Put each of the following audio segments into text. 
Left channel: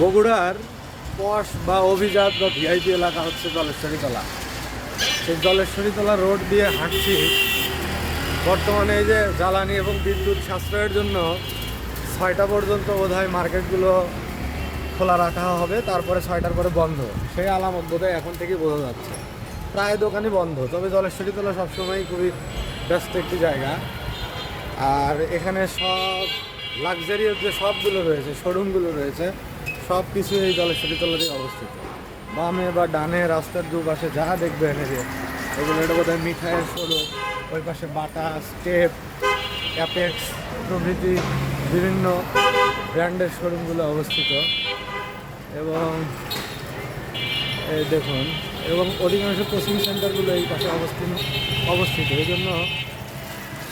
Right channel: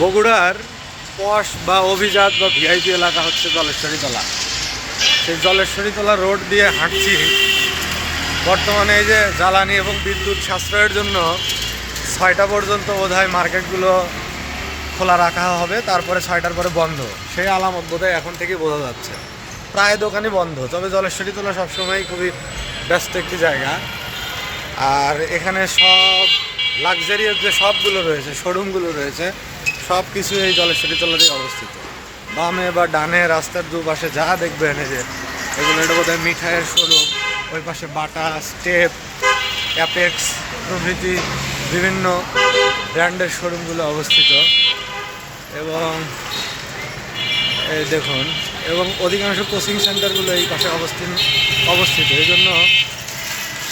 বগুড়ার পশ বা অভিজাত বা ভিআইপি এলাকা হচ্ছে জলেশ্বরীতলা। সেই জলেশ্বরীতলা রোড দিয়ে হাঁটছি। বর্তমানে এই যে জ্বালানি এবং বিদ্যুৎ সাশ্রয়ের জন্য 6টা পর্যন্ত বোধহয় মার্কেটগুলো খোলা রাখা হবে, তারপরে 6টার পরে বন্ধ। সেই আলামত বোধহয় এখন থেকেই বোঝা যাচ্ছে। প্রায় দোকানই বন্ধ, তবে জলেশ্বরীতলা সবসময়ই খুবই ব্যস্ত একটি জায়গা। আর এখানে সব লাক্সারিয়াস যে শপগুলো রয়েছে, শোরুমগুলো রয়েছে, সব কিছু এই জলেশ্বরীতলাতেই অবস্থিত। বামে বা ডানে রাস্তার দুপাশে যা দেখবেন এই যে এগুলো, এটা বোধহয় মিঠাইয়ের শোরুম। ওই পাশে বাটা, স্টেপ, অ্যাপেক্স প্রভৃতি বিভিন্ন ব্র্যান্ডের শোরুমগুলো অবস্থিত। এবং এই দেখুন, এবং অধিকাংশ কোচিং সেন্টারগুলো এই পাশে অবস্থিত। এই জন্য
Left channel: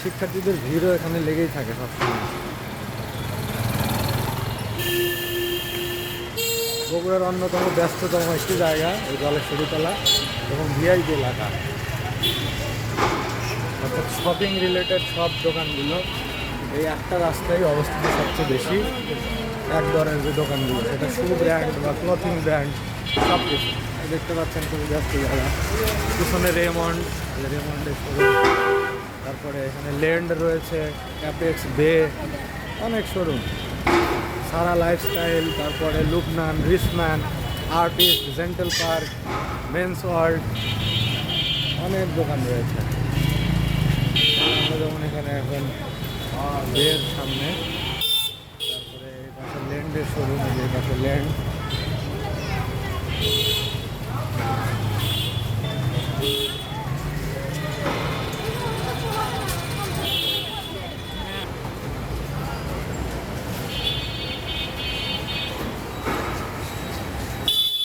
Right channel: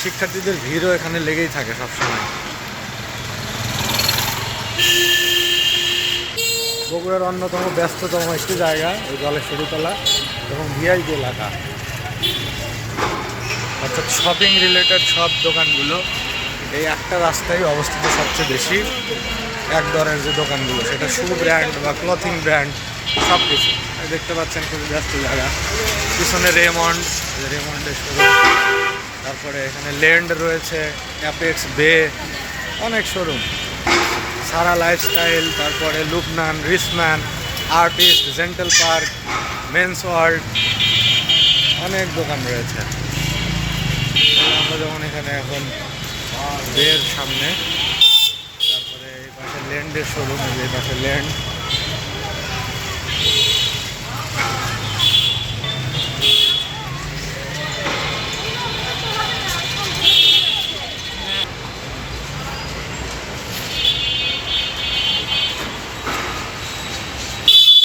শিক্ষার্থীদের ভিড়ও এখানে লেগেই থাকে সবসময়। বগুড়ার অন্যতম ব্যস্ততম একটি জায়গা এই জলেশ্বরীতলা এবং ভিআইপি এলাকা, অর্থাৎ শপিং রিলেটেড সব দোকানগুলো এই একটা রাস্তায় অবস্থিত সবচেয়ে বেশি। এক দরের যে দোকানগুলো, সেটা শু ব্র্যান্ড বা ক্লথিং ব্র্যান্ড সব কিছু দেখতে পাচ্ছেন, খুবই ব্যস্ত জায়গা। পিছনে রেমন্ডের শোরুম, তারপরে এখানে ল্যান্ড রয়েছে, অ্যাপেক্স, বে, অনেক শোরুম, সারা লাইফস্টাইল, তারপরে Lubnan, Richman, Artist, Gentle Park, Men's World, অনেক দোকান রয়েছে। আমরা যেমন এখানে এখন বের সামনে, তারপরে এই পাশে ল্যান্ডের শোরুম, এই পাশে ল্যান্ড।